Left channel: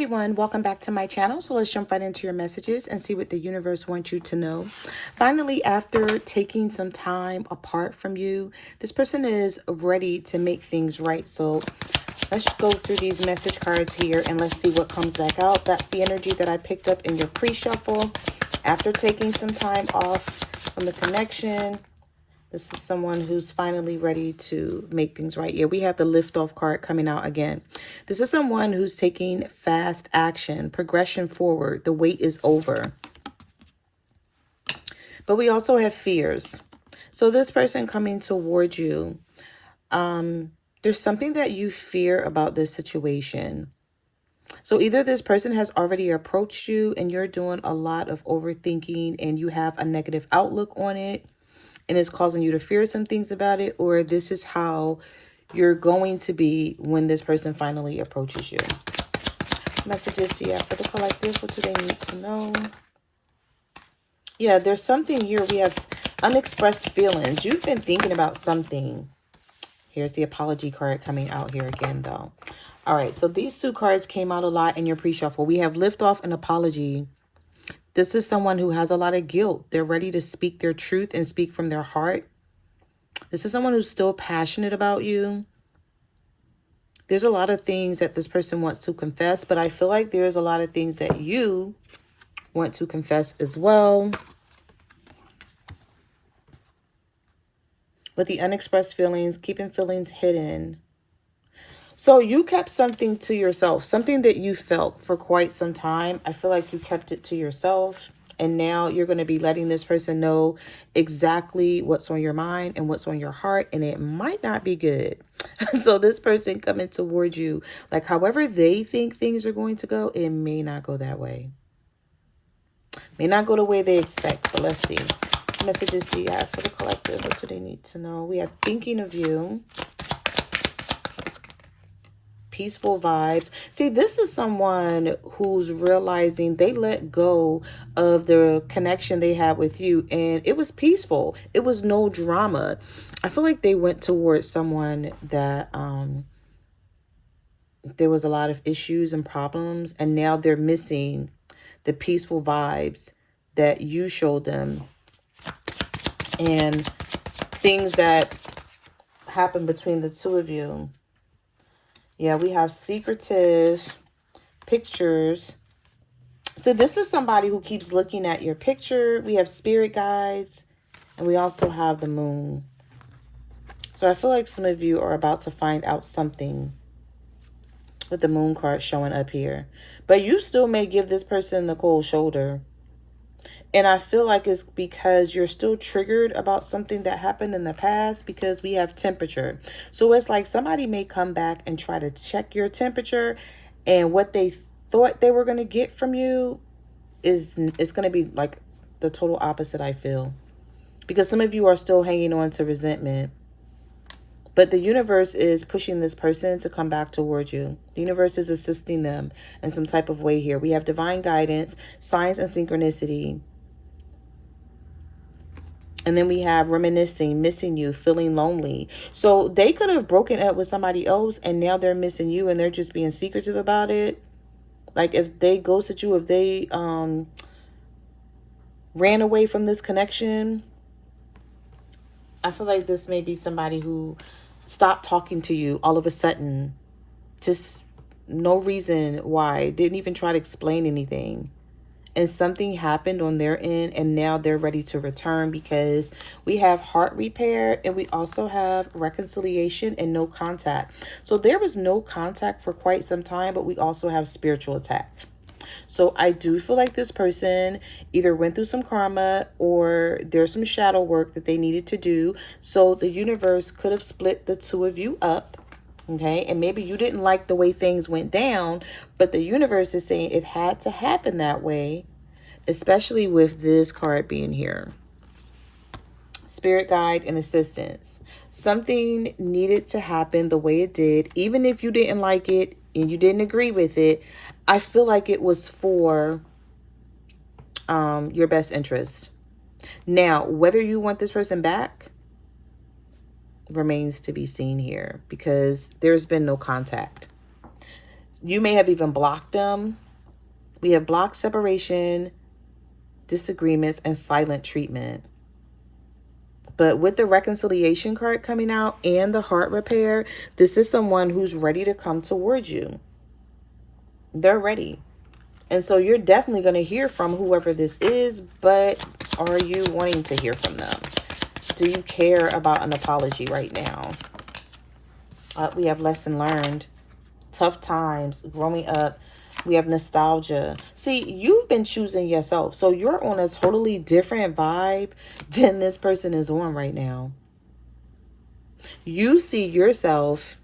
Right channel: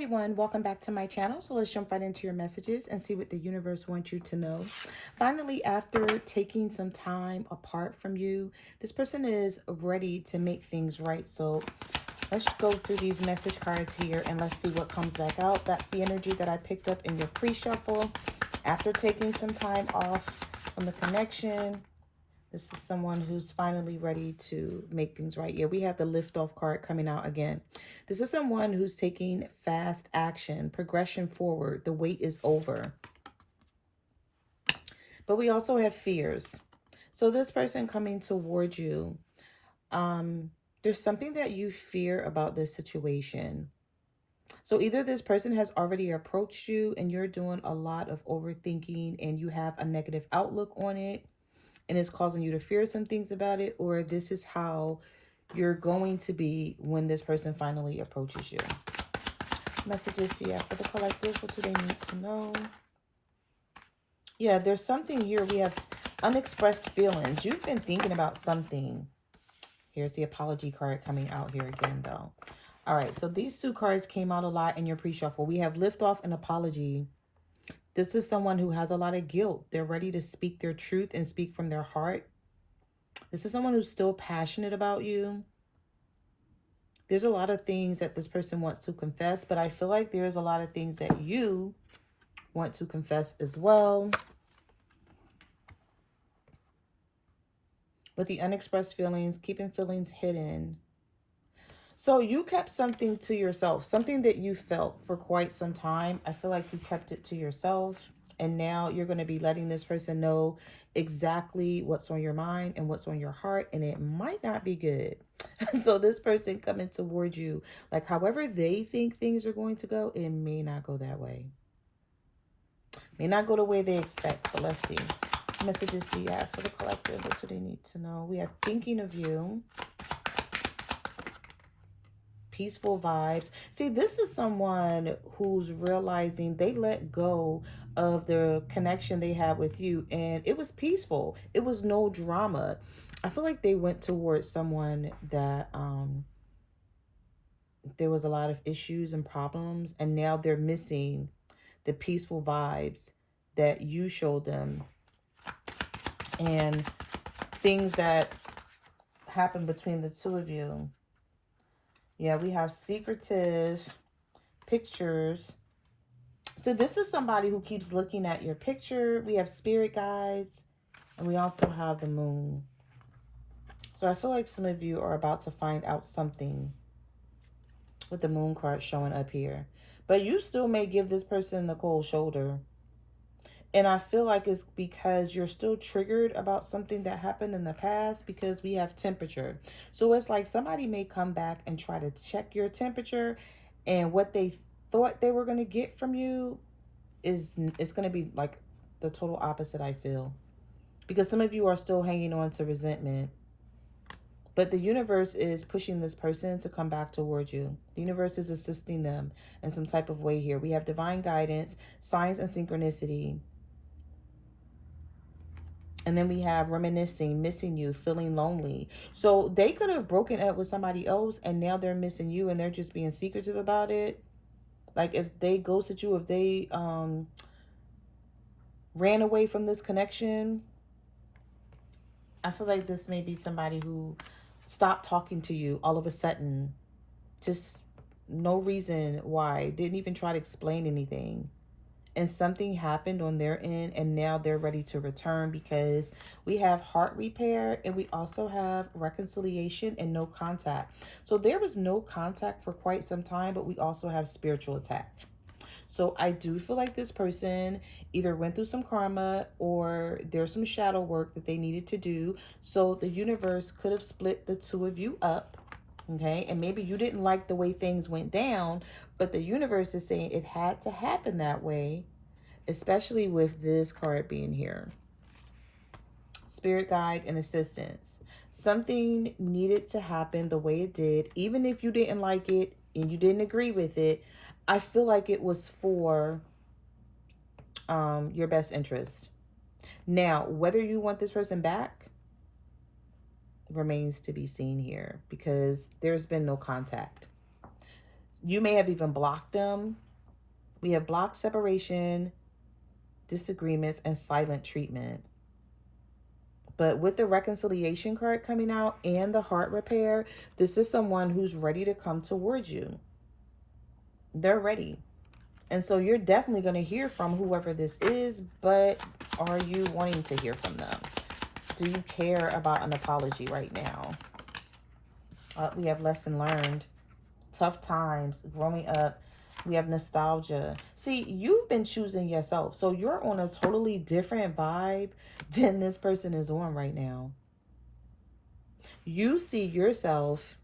everyone, welcome back to my channel. So let's jump right into your messages and see what the universe wants you to know. Finally, after taking some time apart from you, this person is ready to make things right. So let's go through these message cards here and let's see what comes back out. That's the energy that I picked up in your pre-shuffle. After taking some time off from the connection, this is someone who's finally ready to make things right. Yeah, we have the lift-off card coming out again. This is someone who's taking fast action, progression forward. The wait is over. But we also have fears. So this person coming towards you, there's something that you fear about this situation. So either this person has already approached you and you're doing a lot of overthinking and you have a negative outlook on it, and it's causing you to fear some things about it, or this is how you're going to be when this person finally approaches you. Messages you have for the collective. What do they need to know? Yeah, there's something here. We have unexpressed feelings. You've been thinking about something. Here's the apology card coming out here again, though. All right, so these two cards came out a lot in your pre-shuffle. We have liftoff and apology. This is someone who has a lot of guilt. They're ready to speak their truth and speak from their heart. This is someone who's still passionate about you. There's a lot of things that this person wants to confess, but I feel like there's a lot of things that you want to confess as well. With the unexpressed feelings, keeping feelings hidden. So you kept something to yourself, something that you felt for quite some time. I feel like you kept it to yourself. And now you're going to be letting this person know exactly what's on your mind and what's on your heart. And it might not be good. So this person coming towards you, like however they think things are going to go, it may not go that way. May not go the way they expect. But let's see. What messages do you have for the collective? What do they need to know? We have thinking of you. Peaceful vibes. See, this is someone who's realizing they let go of the connection they had with you and it was peaceful. It was no drama. I feel like they went towards someone that there was a lot of issues and problems, and now they're missing the peaceful vibes that you showed them and things that happened between the two of you. Yeah, we have secretive pictures. So this is somebody who keeps looking at your picture. We have spirit guides, and we also have the moon. So I feel like some of you are about to find out something with the moon card showing up here. But you still may give this person the cold shoulder. And I feel like it's because you're still triggered about something that happened in the past, because we have temperature. So it's like somebody may come back and try to check your temperature, and what they thought they were going to get from you is it's going to be like the total opposite, I feel. Because some of you are still hanging on to resentment. But the universe is pushing this person to come back towards you. The universe is assisting them in some type of way here. We have divine guidance, signs and synchronicity. And then we have reminiscing, missing you, feeling lonely. So they could have broken up with somebody else and now they're missing you and they're just being secretive about it. Like if they ghosted you, if they ran away from this connection, I feel like this may be somebody who stopped talking to you all of a sudden. Just no reason why. Didn't even try to explain anything. And something happened on their end and now they're ready to return, because we have heart repair and we also have reconciliation and no contact. So there was no contact for quite some time, but we also have spiritual attack. So I do feel like this person either went through some karma or there's some shadow work that they needed to do. So the universe could have split the two of you up. Okay, and maybe you didn't like the way things went down, but the universe is saying it had to happen that way, especially with this card being here. Spirit guide and assistance. Something needed to happen the way it did, even if you didn't like it and you didn't agree with it. I feel like it was for your best interest. Now, whether you want this person back remains to be seen here, because there's been no contact. You may have even blocked them. We have block, separation, disagreements, and silent treatment. But with the reconciliation card coming out and the heart repair, this is someone who's ready to come towards you. They're ready. And so you're definitely going to hear from whoever this is, but are you wanting to hear from them? Do you care about an apology right now? We have lesson learned, tough times, growing up. We have nostalgia. See, you've been choosing yourself. So you're on a totally different vibe than this person is on right now. You see yourself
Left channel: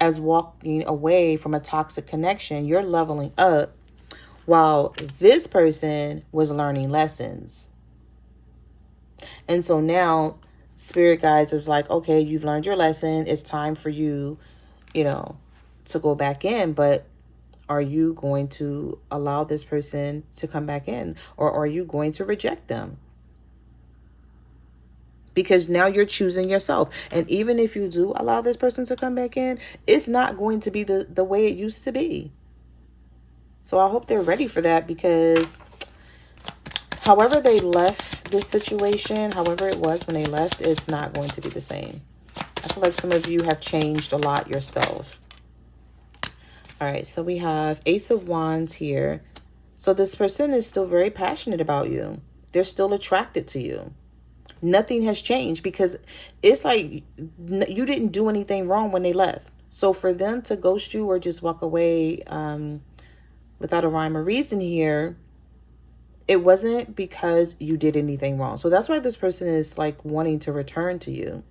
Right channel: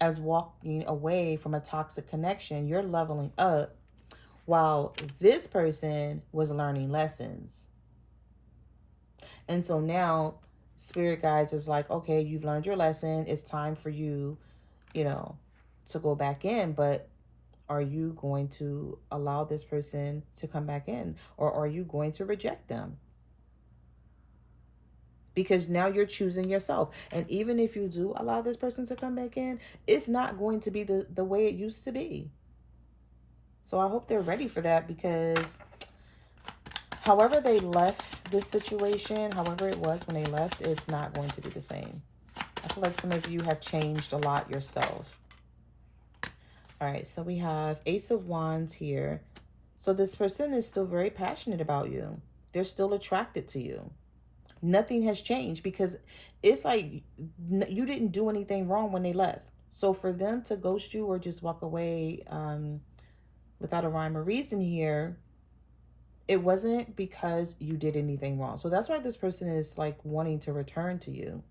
as walking away from a toxic connection. You're leveling up while this person was learning lessons. And so now spirit guides is like, okay, you've learned your lesson. It's time for you, to go back in. But are you going to allow this person to come back in, or are you going to reject them? Because now you're choosing yourself. And even if you do allow this person to come back in, it's not going to be the way it used to be. So I hope they're ready for that, because however they left this situation, however it was when they left, it's not going to be the same. I feel like some of you have changed a lot yourself. All right, so we have Ace of Wands here. So this person is still very passionate about you. They're still attracted to you. Nothing has changed, because it's like you didn't do anything wrong when they left. So for them to ghost you or just walk away without a rhyme or reason here, it wasn't because you did anything wrong. So that's why this person is like wanting to return to you.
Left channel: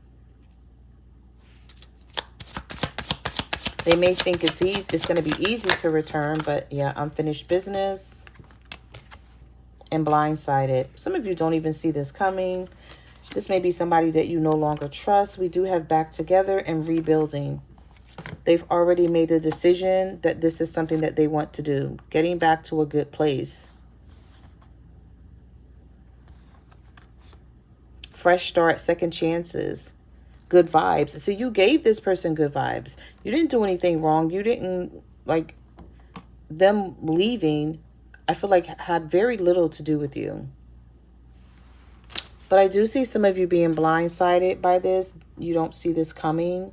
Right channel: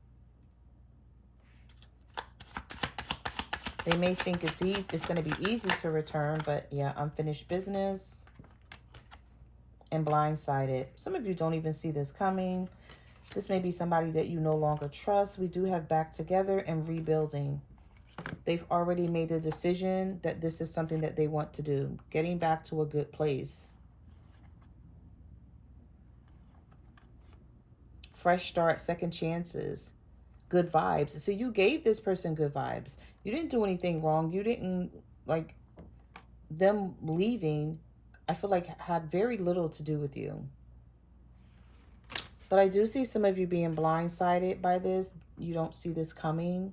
They may think it's easy, it's going to be easy to return, but yeah, unfinished business and blindsided. Some of you don't even see this coming. This may be somebody that you no longer trust. We do have back together and rebuilding. They've already made a decision that this is something that they want to do. Getting back to a good place. Fresh start, second chances. Good vibes. So you gave this person good vibes. You didn't do anything wrong. You didn't, like, them leaving, I feel like had very little to do with you. But I do see some of you being blindsided by this. You don't see this coming.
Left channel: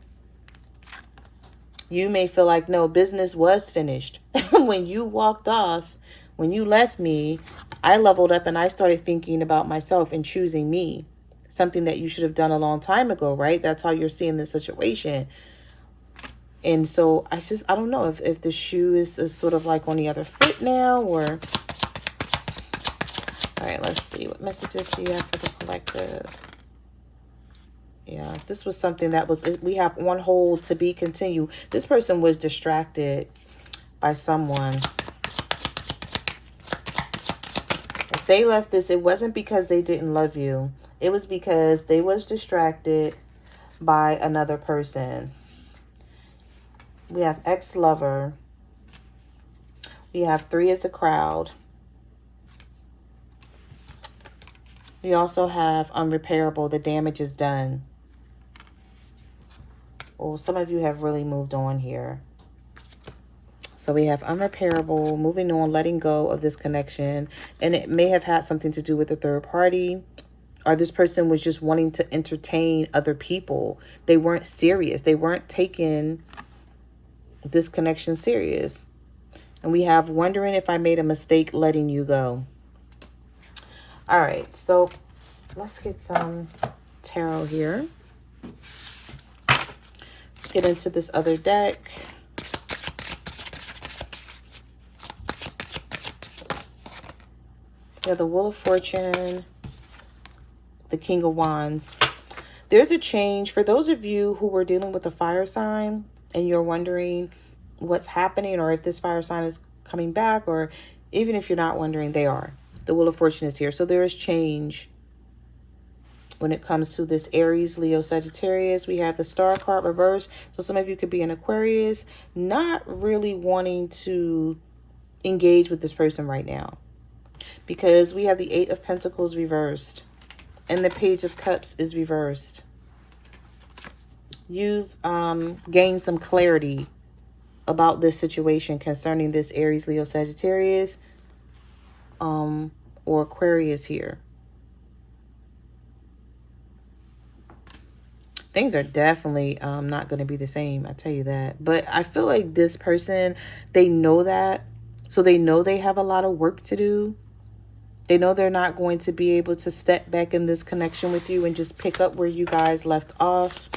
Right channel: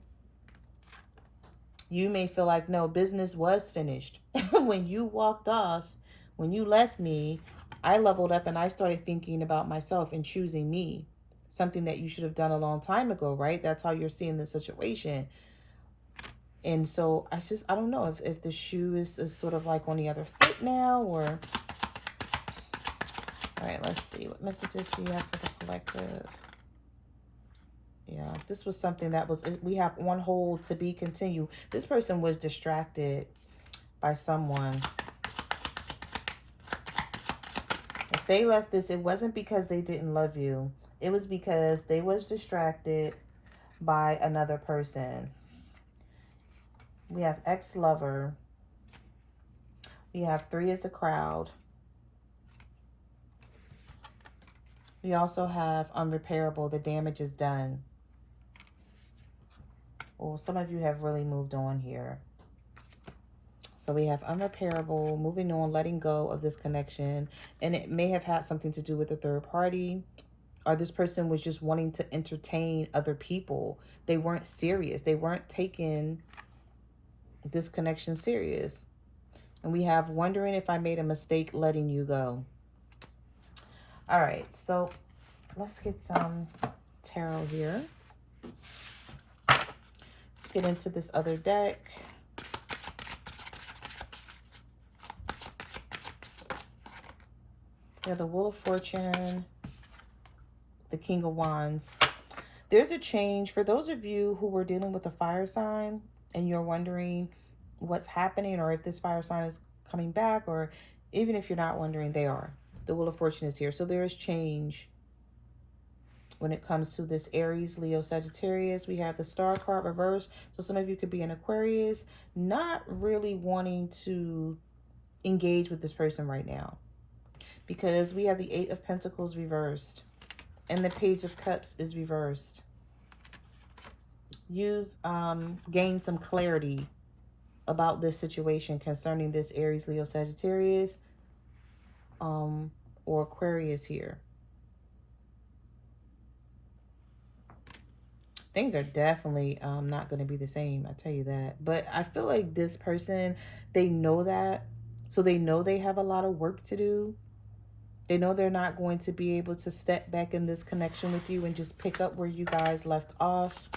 You may feel like, no, business was finished. When you walked off, when you left me, I leveled up and I started thinking about myself and choosing me. Something that you should have done a long time ago, right? That's how you're seeing the situation. And so I don't know if the shoe is sort of like on the other foot now, or... All right, let's see. What messages do you have for the collective? Yeah, this was something that was... We have on hold to be continued. This person was distracted by someone. If they left this, it wasn't because they didn't love you. It was because they was distracted by another person. We have ex-lover. We have 3 as a crowd. We also have unrepairable. The damage is done. Oh, some of you have really moved on here. So we have unrepairable, moving on, letting go of this connection. And it may have had something to do with a third party. Or this person was just wanting to entertain other people. They weren't serious. They weren't taking this connection serious. And we have wondering if I made a mistake letting you go. All right, so let's get some tarot here. Let's get into this other deck. We have the Wheel of Fortune, the King of Wands. There's a change. For those of you who were dealing with a fire sign and you're wondering what's happening, or if this fire sign is coming back, or even if you're not wondering, they are. The Wheel of Fortune is here. So there is change when it comes to this Aries, Leo, Sagittarius. We have the Star card reversed. So some of you could be an Aquarius, not really wanting to engage with this person right now. Because we have the 8 of Pentacles reversed. And the Page of Cups is reversed. You've gained some clarity about this situation concerning this Aries, Leo, Sagittarius, or Aquarius here. Things are definitely not going to be the same, I tell you that. But I feel like this person, they know that. So they know they have a lot of work to do. They know they're not going to be able to step back in this connection with you and just pick up where you guys left off.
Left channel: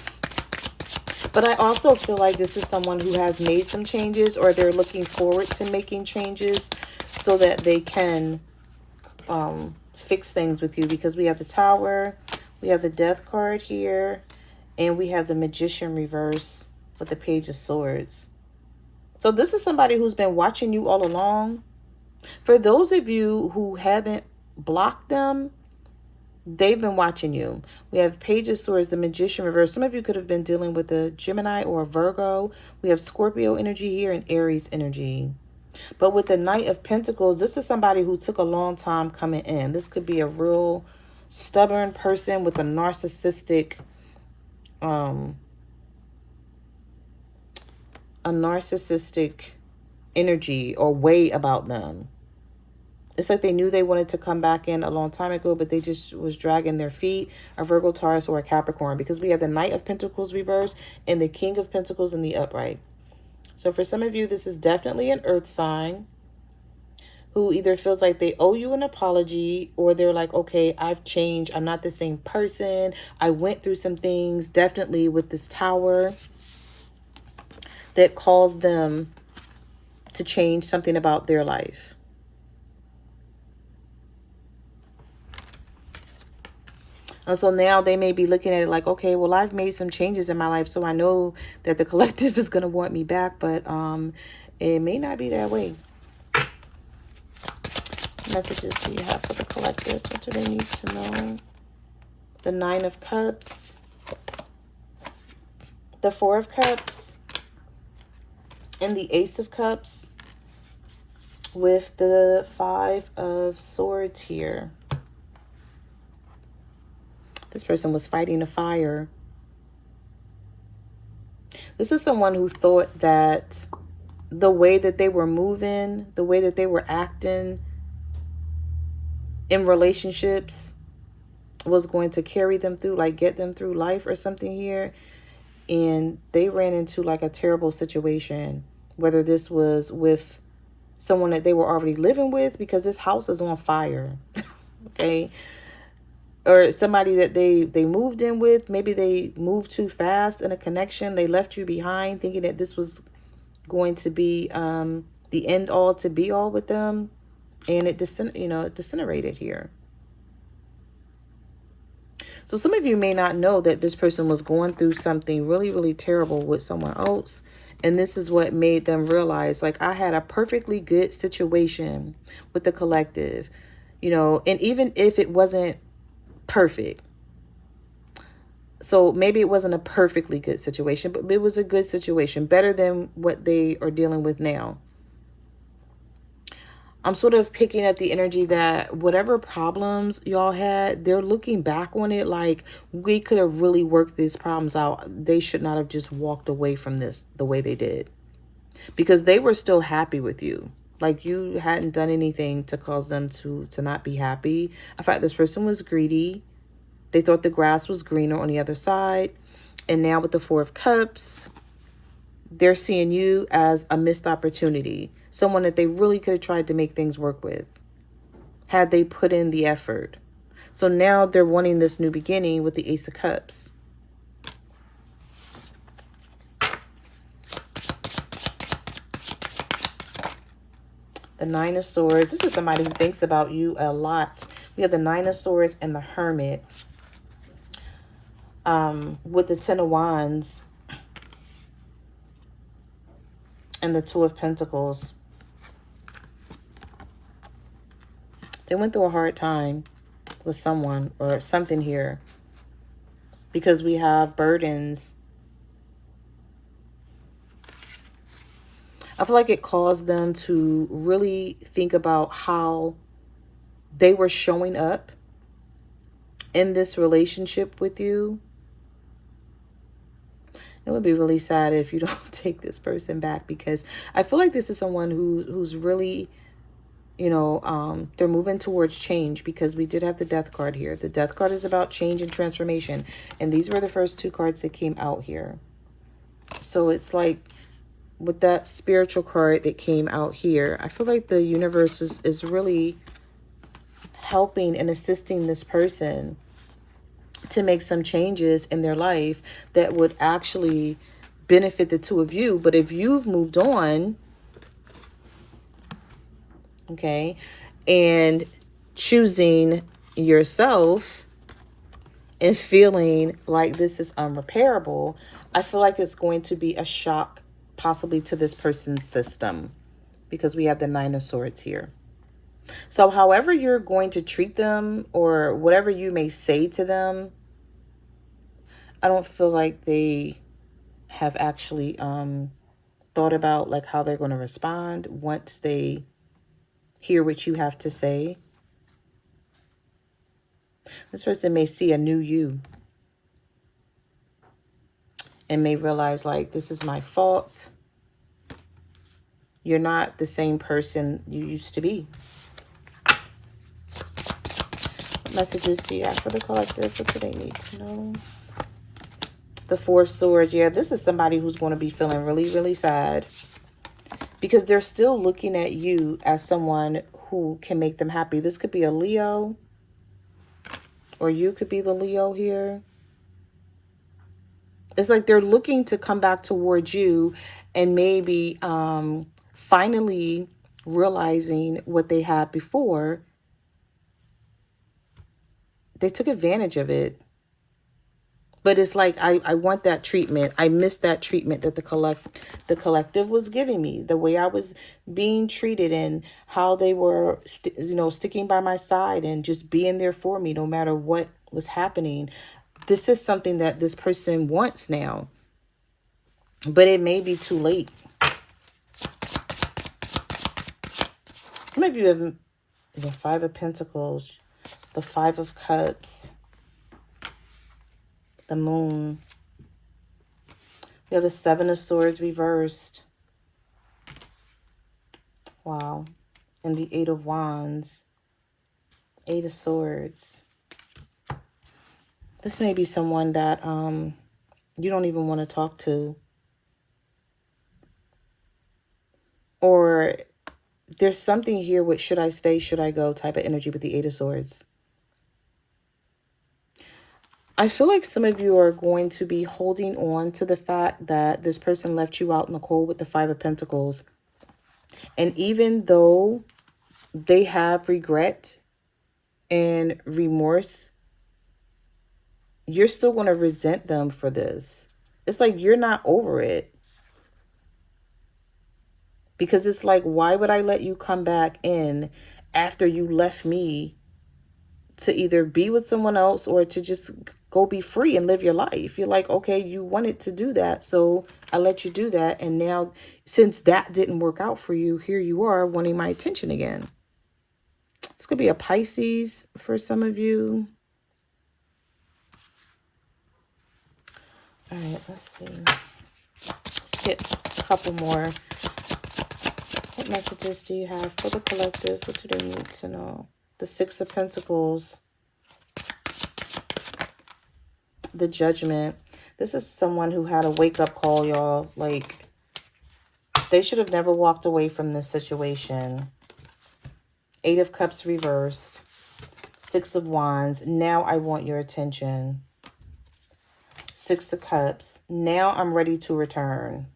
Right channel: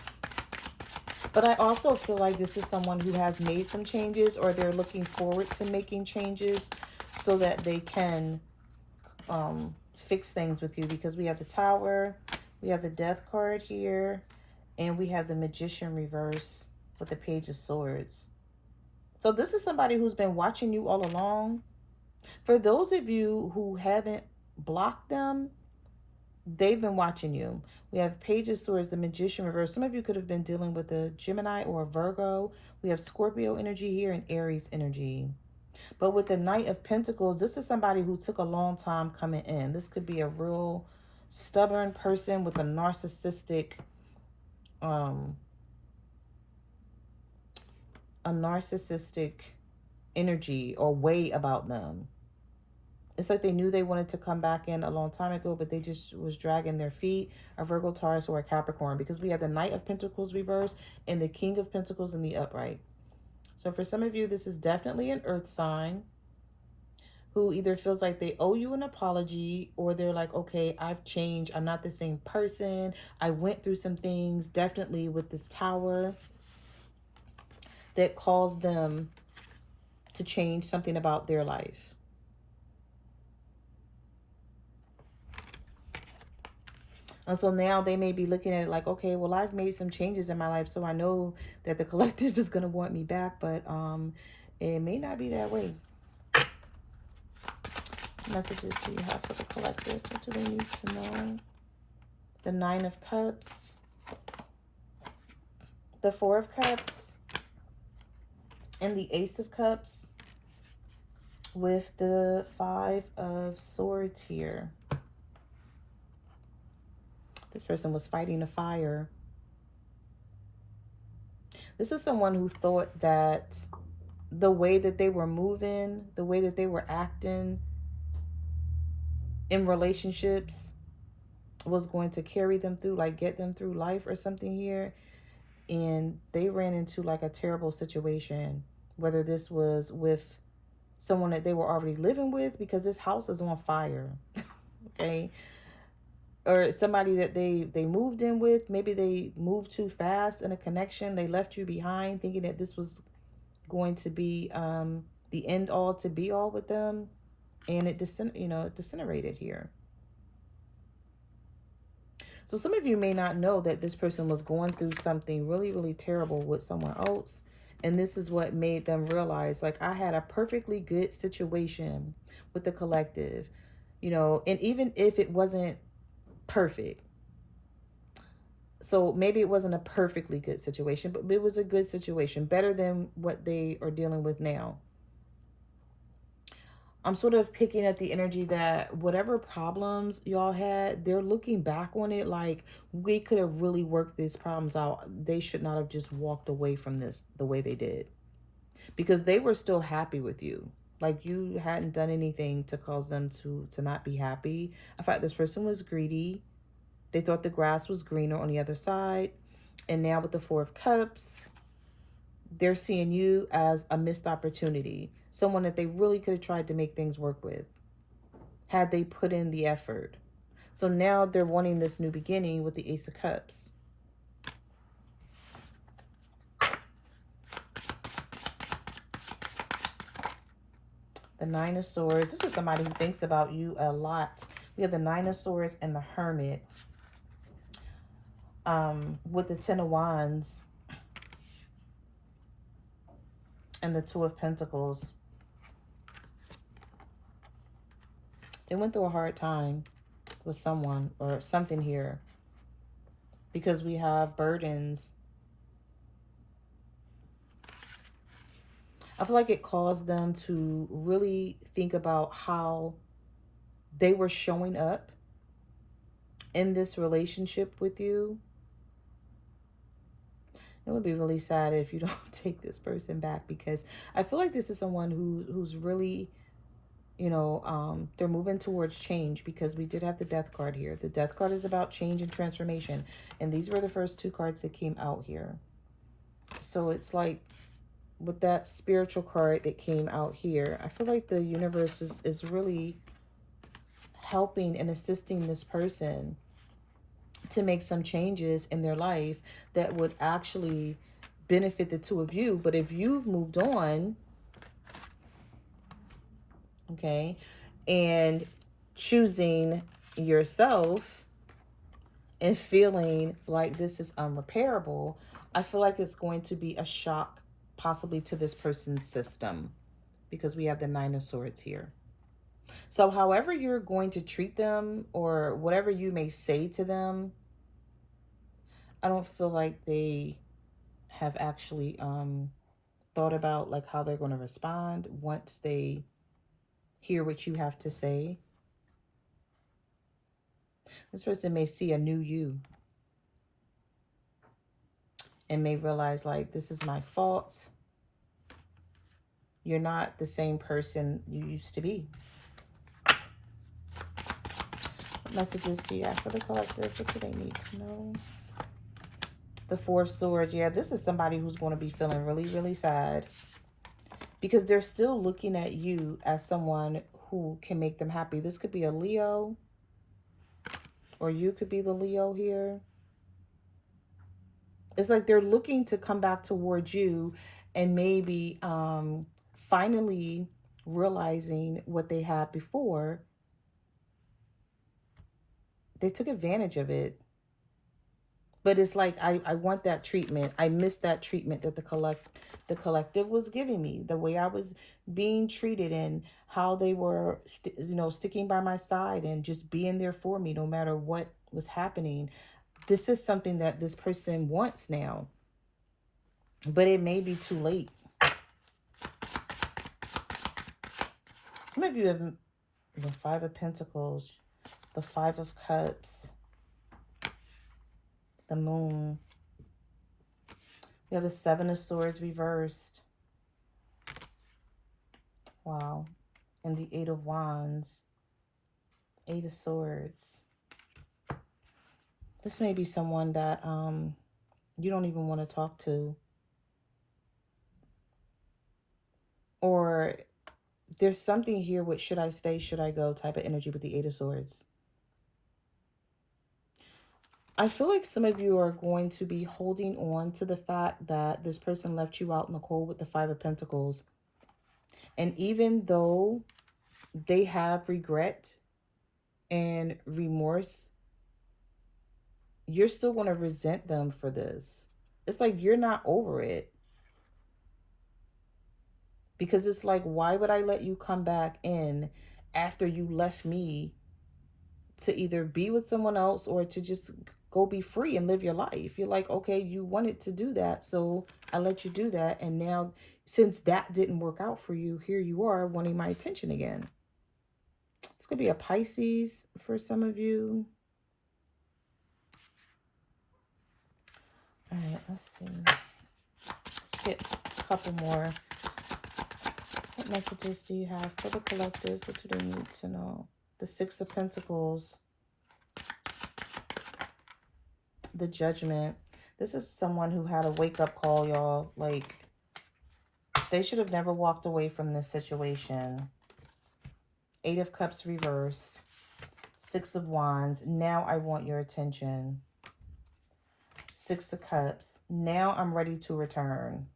But I also feel like this is someone who has made some changes, or they're looking forward to making changes so that they can fix things with you, because we have the Tower, we have the Death card here, and we have the Magician reverse with the Page of Swords. So this is somebody who's been watching you all along. For those of you who haven't blocked them, they've been watching you. We have Page of Swords, the Magician reverse. Some of you could have been dealing with a Gemini or a Virgo. We have Scorpio energy here and Aries energy. But with the Knight of Pentacles, this is somebody who took a long time coming in. This could be a real stubborn person with a narcissistic energy or way about them. It's like they knew they wanted to come back in a long time ago, but they just was dragging their feet. A Virgo, Taurus, or a Capricorn, because we have the Knight of Pentacles reverse and the King of Pentacles in the upright. So for some of you, this is definitely an earth sign who either feels like they owe you an apology, or they're like, okay, I've changed. I'm not the same person. I went through some things, definitely with this Tower, that caused them to change something about their life. And so now they may be looking at it like, okay, well, I've made some changes in my life, so I know that the collective is going to want me back, but it may not be that way. Messages do you have for the collective? What do they need to know? The Nine of Cups, the Four of Cups, and the Ace of Cups with the Five of Swords here. This person was fighting a fire. This is someone who thought that the way that they were moving, the way that they were acting in relationships was going to carry them through, like get them through life or something here. And they ran into like a terrible situation, whether this was with someone that they were already living with, because this house is on fire. Okay. Or somebody that they moved in with. Maybe they moved too fast in a connection. They left you behind thinking that this was going to be the end all to be all with them. And it disintegrated here. So some of you may not know that this person was going through something really, really terrible with someone else. And this is what made them realize, like, I had a perfectly good situation with the collective, and even if it wasn't perfect. So maybe it wasn't a perfectly good situation, but it was a good situation, better than what they are dealing with now. I'm sort of picking up the energy that whatever problems y'all had, they're looking back on it like, we could have really worked these problems out. They should not have just walked away from this the way they did, because they were still happy with you. Like, you hadn't done anything to cause them to not be happy. In fact, this person was greedy. They thought the grass was greener on the other side. And now with the Four of Cups, they're seeing you as a missed opportunity. Someone that they really could have tried to make things work with, had they put in the effort. So now they're wanting this new beginning with the Ace of Cups. The Nine of Swords. This is somebody who thinks about you a lot. We have the Nine of Swords and the Hermit. With the Ten of Wands and the Two of Pentacles. They went through a hard time with someone or something here, because we have burdens. I feel like it caused them to really think about how they were showing up in this relationship with you. It would be really sad if you don't take this person back, because I feel like this is someone who's really, you know, they're moving towards change, because we did have the death card here. The death card is about change and transformation. And these were the first two cards that came out here. So it's like with that spiritual card that came out here, I feel like the universe is really helping and assisting this person to make some changes in their life that would actually benefit the two of you. But if you've moved on, okay, and choosing yourself and feeling like this is unrepairable, I feel like it's going to be a shock possibly to this person's system, because we have the Nine of Swords here. So however you're going to treat them, or whatever you may say to them, I don't feel like they have actually thought about like how they're going to respond once they hear what you have to say. This person may see a new you and may realize, like, this is my fault. You're not the same person you used to be. What messages do you have for the collective? What do they need to know? The Four of Swords. Yeah, this is somebody who's going to be feeling really, really sad, because they're still looking at you as someone who can make them happy. This could be a Leo, or you could be the Leo here. It's like they're looking to come back towards you and maybe finally realizing what they had before. They took advantage of it. But it's like, I want that treatment. I missed that treatment that the collective was giving me. The way I was being treated, and how they were, you know, sticking by my side and just being there for me no matter what was happening. This is something that this person wants now. But it may be too late. Some of you have the Five of Pentacles, the Five of Cups, the Moon. We have the Seven of Swords reversed. Wow. And the Eight of Wands. Eight of Swords. This may be someone that you don't even want to talk to. Or there's something here with should I stay, should I go type of energy with the Eight of Swords. I feel like some of you are going to be holding on to the fact that this person left you out in the cold with the Five of Pentacles. And even though they have regret and remorse, you're still going to resent them for this. It's like you're not over it. Because it's like, why would I let you come back in after you left me to either be with someone else or to just go be free and live your life? You're like, okay, you wanted to do that, so I let you do that. And now, since that didn't work out for you, here you are wanting my attention again. This could be a Pisces for some of you. All right, let's see. Let's get a couple more. What messages do you have for the collective? What do they need to know? The Six of Pentacles. The Judgment. This is someone who had a wake-up call, y'all. Like, they should have never walked away from this situation. Eight of Cups reversed. Six of Wands. Now I want your attention. Six of Cups. Now I'm ready to return.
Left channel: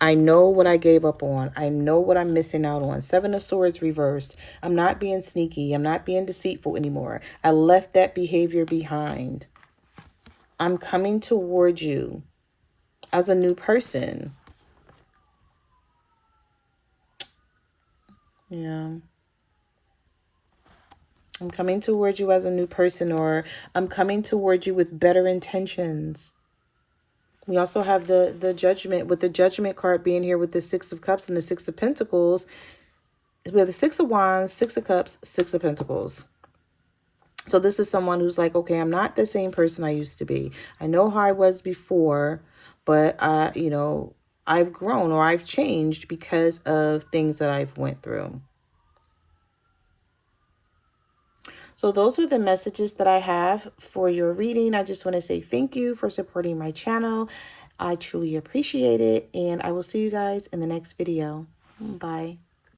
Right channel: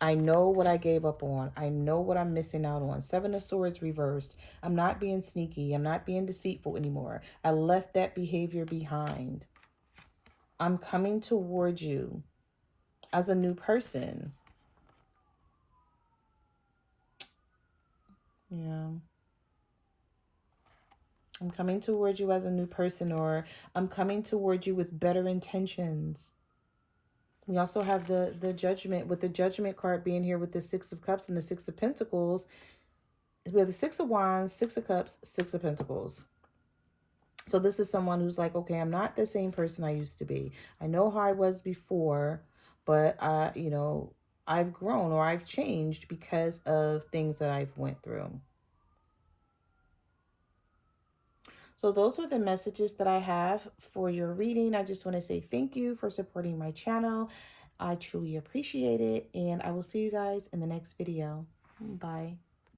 I know what I gave up on. I know what I'm missing out on. Seven of Swords reversed. I'm not being sneaky. I'm not being deceitful anymore. I left that behavior behind. I'm coming towards you as a new person. Yeah. I'm coming towards you as a new person, or I'm coming towards you with better intentions. We also have the Judgment, with the Judgment card being here with the Six of Cups and the Six of Pentacles. We have the Six of Wands, Six of Cups, Six of Pentacles. So this is someone who's like, okay, I'm not the same person I used to be. I know how I was before, but you know, I've grown or I've changed because of things that I've went through. So those are the messages that I have for your reading. I just want to say thank you for supporting my channel. I truly appreciate it, and I will see you guys in the next video. Bye.